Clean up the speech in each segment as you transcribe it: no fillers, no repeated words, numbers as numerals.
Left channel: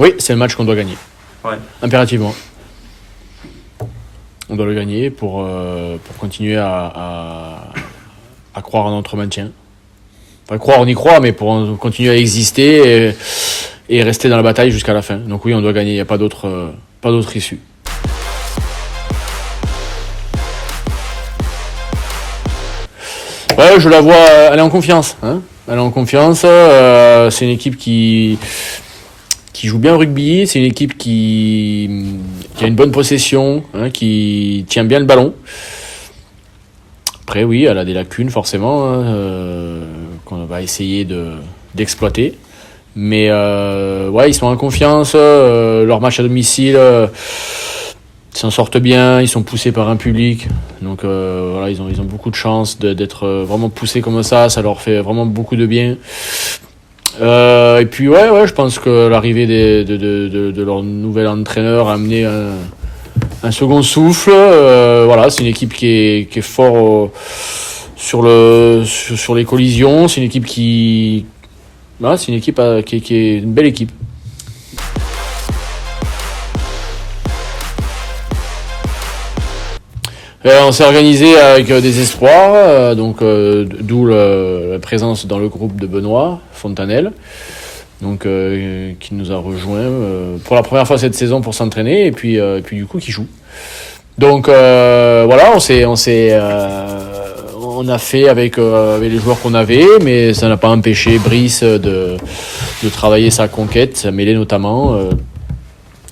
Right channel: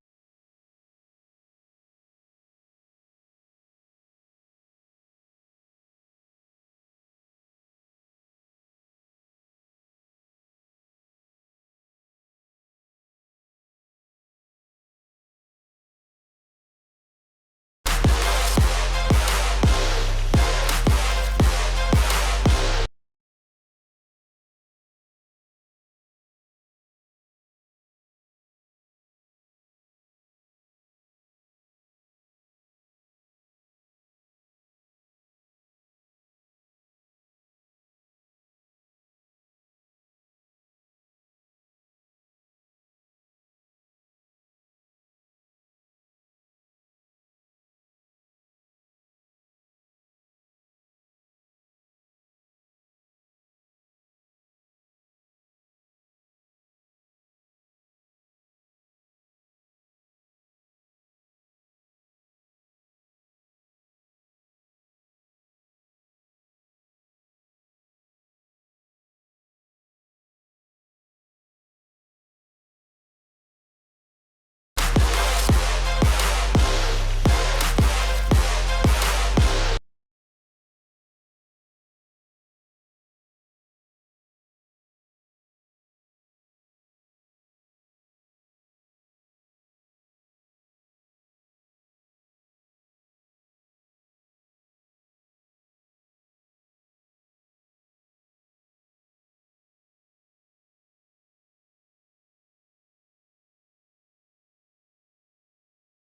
Oui, c'est le match qu'on doit gagner. Ouais. Impérativement. On doit le gagner pour continuer à croire en notre maintien. Enfin, croire, on y croit, mais pour continuer à exister et rester dans la bataille jusqu'à la fin. Donc oui, on doit gagner, il n'y a pas d'autre issue. Ouais, je la vois, elle est en confiance. Hein, elle est en confiance. C'est une équipe qui joue bien au rugby. C'est une équipe qui a une bonne possession, hein, qui tient bien le ballon. Après, oui, elle a des lacunes forcément, hein, qu'on va essayer d'exploiter. Mais ouais, ils sont en confiance. Leur match à domicile, ils s'en sortent bien. Ils sont poussés par un public. Donc voilà, ils ont beaucoup de chance d'être vraiment poussés comme ça. Ça leur fait vraiment beaucoup de bien. Et puis ouais, je pense que l'arrivée de leur nouvel entraîneur a amené un second souffle. Voilà, c'est une équipe qui est fort sur les collisions. C'est une équipe qui est une belle équipe. On s'est organisé avec des espoirs, d'où la présence dans le groupe de Benoît Fontanelle, donc qui nous a rejoint pour la première fois cette saison pour s'entraîner et puis du coup qui joue. Donc voilà, on a fait avec les joueurs qu'on avait, mais ça n'a pas empêché Brice de travailler sa conquête, sa mêlée notamment,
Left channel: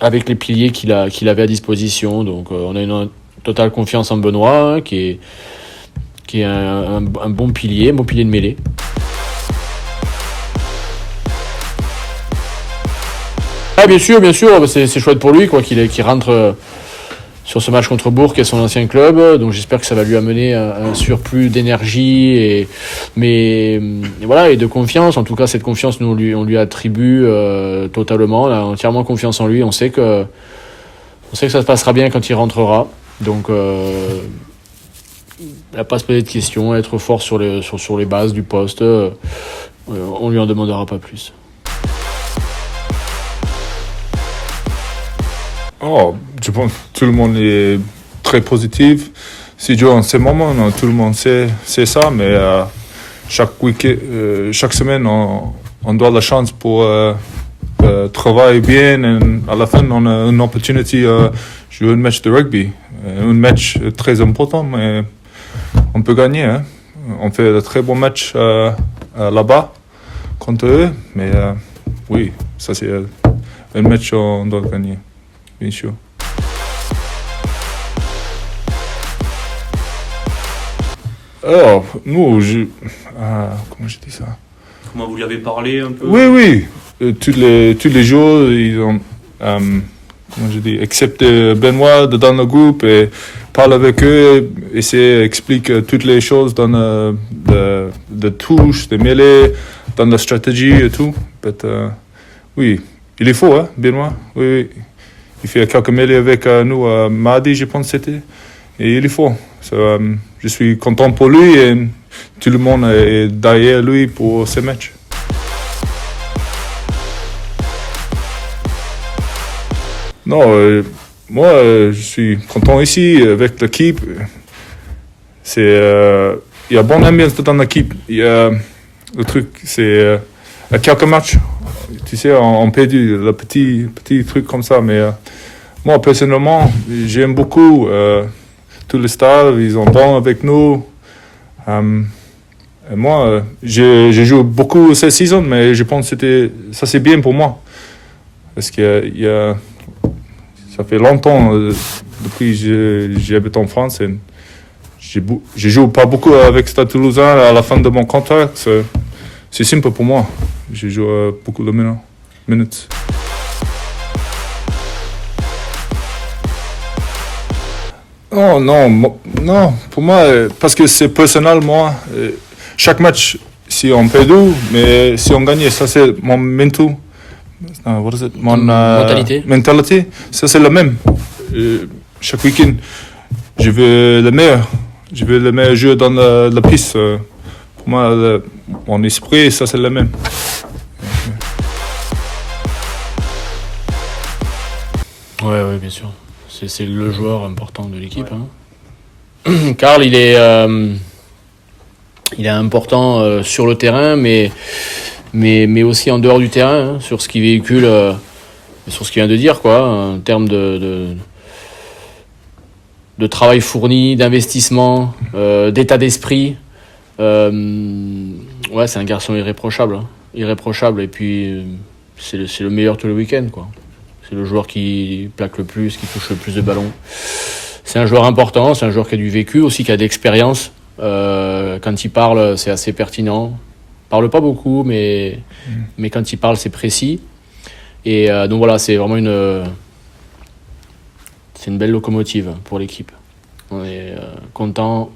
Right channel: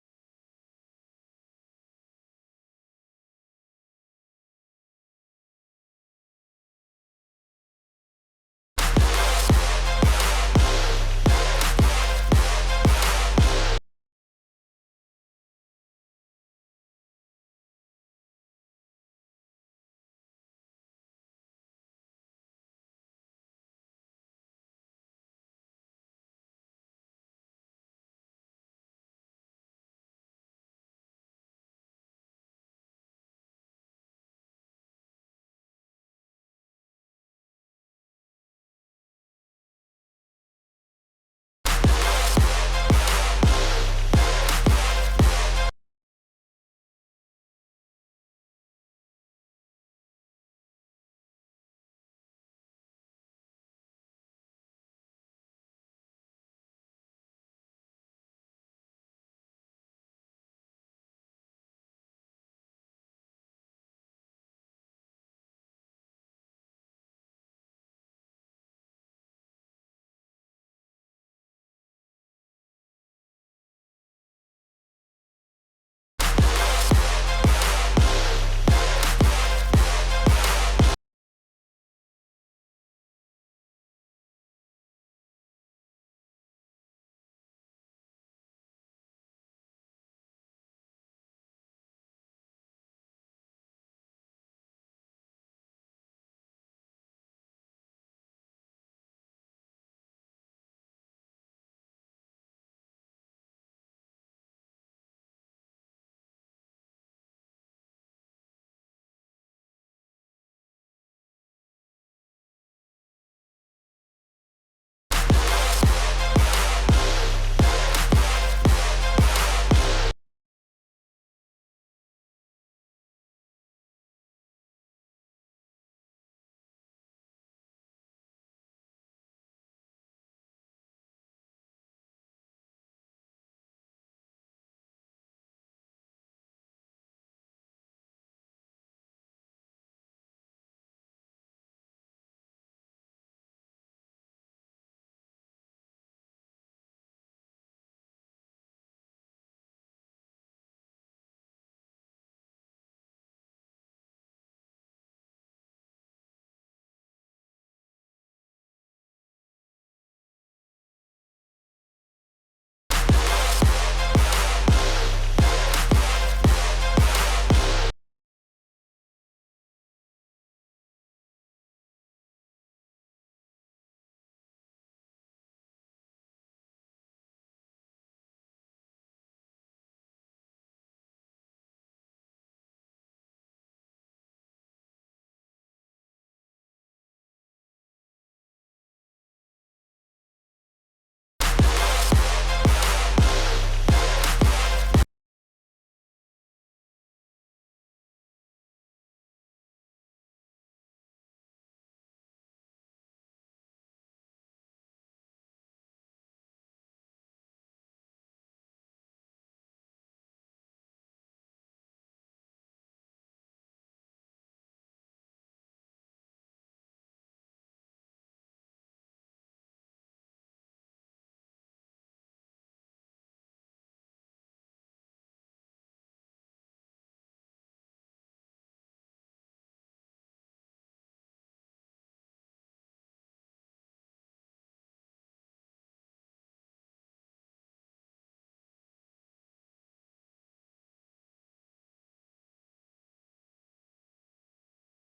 avec les piliers qu'il avait à disposition. Donc on a une totale confiance en Benoît, hein, qui est un bon pilier de mêlée. Ah, bien sûr, c'est chouette pour lui, quoi, qu'il rentre sur ce match contre Bourg, qui est son ancien club. Donc j'espère que ça va lui amener un surplus d'énergie et de confiance. En tout cas, cette confiance, nous on lui attribue totalement. On a entièrement confiance en lui. On sait que ça se passera bien quand il rentrera. Donc il n'a pas à se poser de questions, être fort sur les bases du poste. On lui en demandera pas plus. Je pense que tout le monde est très positif. C'est dur en ce moment, non, tout le monde sait ça, mais chaque semaine, on doit la chance pour travailler bien. Et à la fin, on a une opportunité de jouer un match de rugby. Un match très important, mais on peut gagner. Hein. On fait de très bons matchs là-bas contre eux, mais oui, ça c'est un match qu'on doit gagner. Bien sûr. Alors, nous, comment je dis ça? Comment vous lui avez parlé un peu? Oui. Tous les jours, ils ont, comment je dis, accepté Benoît dans le groupe et parle avec eux, explique toutes les choses dans de touches, de mêlées, dans la stratégie et tout. Oui, il est faux, hein, Benoît. Oui. Il fait quelques mêlées avec nous mardi, je pense que c'était. Et il est fort. Je suis content pour lui et tout le monde est derrière lui pour ce match. Non, moi, je suis content ici avec l'équipe. Il y a bonne ambiance dans l'équipe. Le truc, c'est à quelques matchs. Tu sais, on perdu le petit truc comme ça, mais moi, personnellement, j'aime beaucoup tous les stars, ils sont bons avec nous. Et moi, j'ai joué beaucoup cette saison, mais je pense que ça c'est bien pour moi. Parce que ça fait longtemps, depuis que j'habite en France, et je joue pas beaucoup avec Stade Toulousain à la fin de mon contrat. C'est simple pour moi. Je joue beaucoup de minutes. Oh, non, pour moi, parce que c'est personnel, moi. Chaque match, si on perd, mais si on gagne, ça c'est mon mental. Mon mentalité, ça c'est le même. Chaque week-end, je veux le meilleur. Je veux le meilleur jeu dans la piste. Pour moi, mon esprit, ça c'est le même. Ouais, bien sûr. C'est le joueur important de l'équipe. Ouais. Hein. Karl, il est important sur le terrain, mais aussi en dehors du terrain, hein, sur ce qu'il véhicule, sur ce qu'il vient de dire, quoi, en termes de travail fourni, d'investissement, d'état d'esprit. Ouais, c'est un garçon irréprochable. Hein. Irréprochable, et puis c'est le meilleur tous les week-ends, quoi. C'est le joueur qui plaque le plus, qui touche le plus de ballons. C'est un joueur important, c'est un joueur qui a du vécu aussi, qui a de l'expérience. Quand il parle, c'est assez pertinent. Il parle pas beaucoup, mais quand il parle, c'est précis. Et donc voilà, c'est vraiment une belle locomotive pour l'équipe. On est content.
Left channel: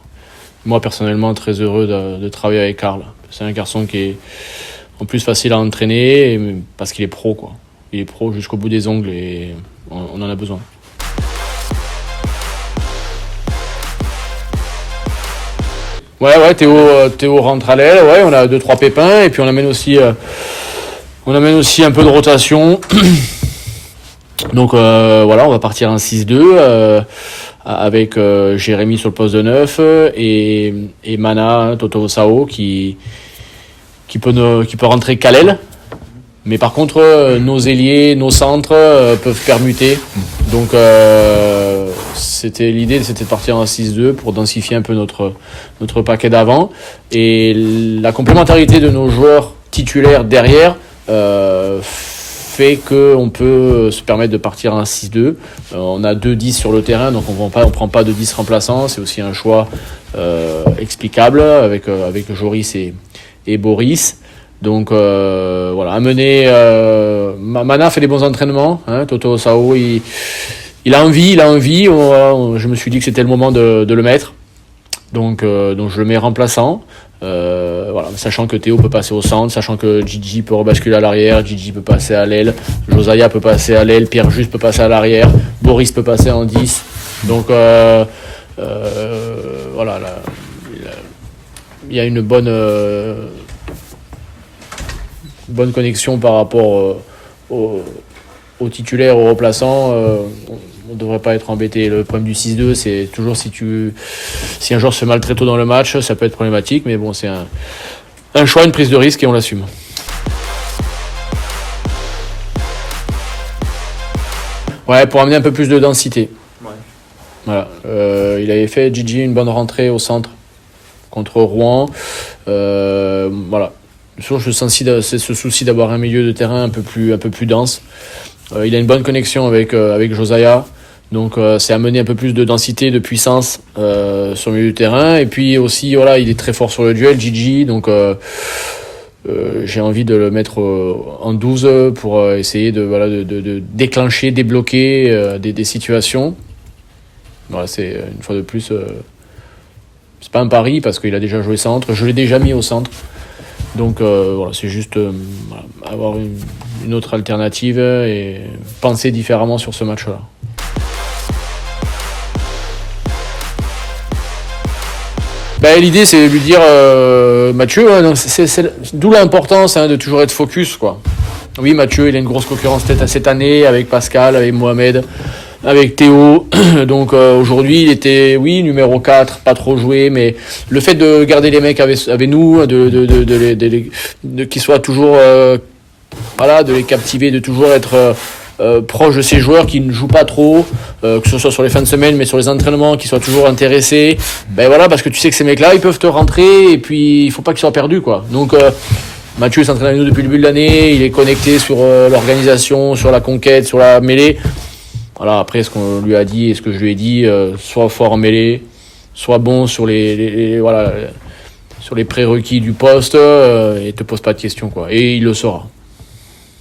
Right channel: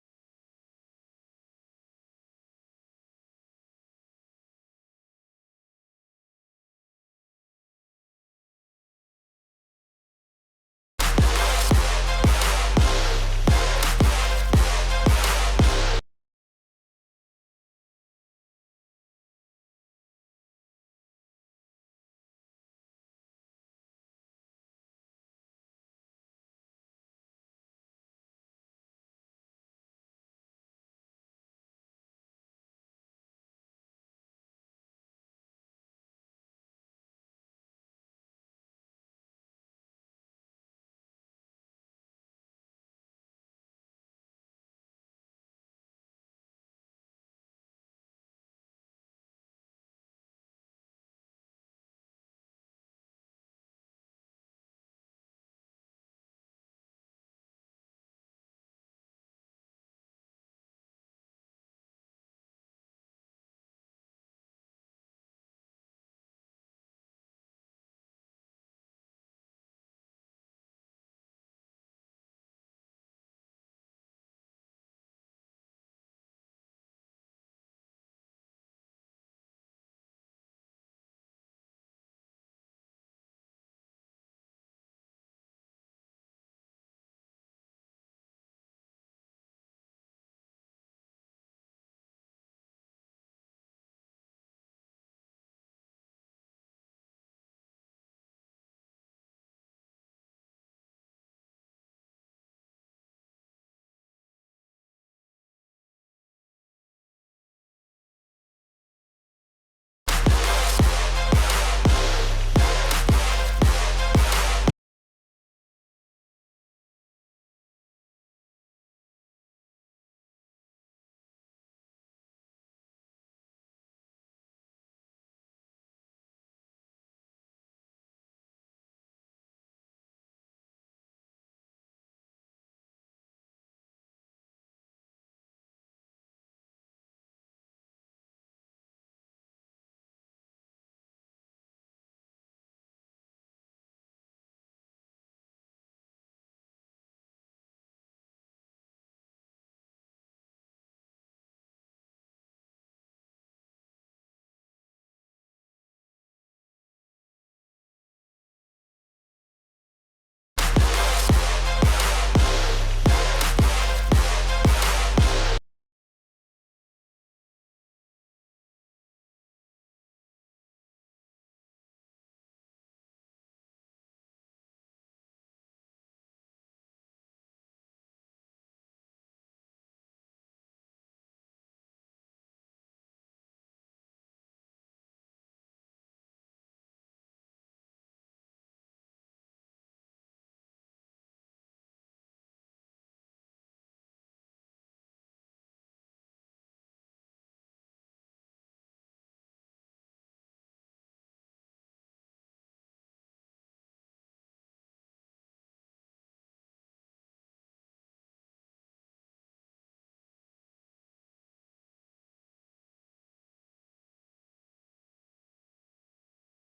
Moi, personnellement, très heureux de travailler avec Karl. C'est un garçon qui est en plus facile à entraîner parce qu'il est pro, quoi. Il est pro jusqu'au bout des ongles et on en a besoin. Ouais, Théo rentre à l'aile. Ouais, on a 2-3 pépins et puis on amène aussi un peu de rotation. Donc voilà, on va partir en 6-2 avec Jérémy sur le poste de 9 et Mana, Toto Sao qui peut rentrer qu'à l'aile. Mais par contre, nos ailiers, nos centres peuvent permuter. Donc l'idée, c'était de partir en 6-2 pour densifier un peu notre paquet d'avant. Et la complémentarité de nos joueurs titulaires derrière fait qu'on peut se permettre de partir en 6-2. On a 2 10 sur le terrain, donc on prend pas de 10 remplaçants. C'est aussi un choix explicable avec Joris et Boris. Donc voilà, amener Mana fait des bons entraînements, hein, Toto Sao il a envie, je me suis dit que c'était le moment de le mettre. Donc je le mets remplaçant. Voilà, sachant que Théo peut passer au centre, sachant que Gigi peut rebasculer à l'arrière, Gigi peut passer à l'aile, Josiah peut passer à l'aile, Pierre Juste peut passer à l'arrière, Boris peut passer en 10. Donc voilà, il y a une bonne connexion par rapport aux titulaires, aux remplaçants. On ne devrait pas être embêté. Le problème du 6-2, c'est toujours si un joueur se fait mal très tôt dans le match, ça peut être problématique, mais bon, c'est un choix, une prise de risque et on l'assume. Ouais, pour amener un peu plus de densité. Ouais. Voilà. Il avait fait Gigi une bonne rentrée au centre contre Rouen. Voilà. Toujours ce souci d'avoir un milieu de terrain un peu plus dense. Il a une bonne connexion avec Josiah, donc c'est amener un peu plus de densité, de puissance sur le milieu du terrain. Et puis aussi, voilà, il est très fort sur le duel, Gigi, donc j'ai envie de le mettre en 12 pour essayer de déclencher, débloquer des situations. Voilà, c'est une fois de plus, c'est pas un pari parce qu'il a déjà joué centre, je l'ai déjà mis au centre. Donc voilà, c'est juste avoir une autre alternative et penser différemment sur ce match-là. L'idée, c'est de lui dire Mathieu, donc c'est d'où l'importance de toujours être focus, quoi. Oui, Mathieu, il a une grosse concurrence peut-être cette année avec Pascal, avec Mohamed, avec Théo. Donc aujourd'hui, il était, oui, numéro 4, pas trop joué, mais le fait de garder les mecs avec nous, qu'ils soient toujours, de les captiver, de toujours être proche de ces joueurs qui ne jouent pas trop, que ce soit sur les fins de semaine, mais sur les entraînements, qui soient toujours intéressés. Voilà, parce que tu sais que ces mecs-là, ils peuvent te rentrer et puis il faut pas qu'ils soient perdus, quoi. Donc Mathieu s'entraîne avec nous depuis le début de l'année, il est connecté sur l'organisation, sur la conquête, sur la mêlée. Voilà, après ce qu'on lui a dit et ce que je lui ai dit, soit fort en mêlée, soit bon sur sur les prérequis du poste et te pose pas de questions, quoi. Et il le saura.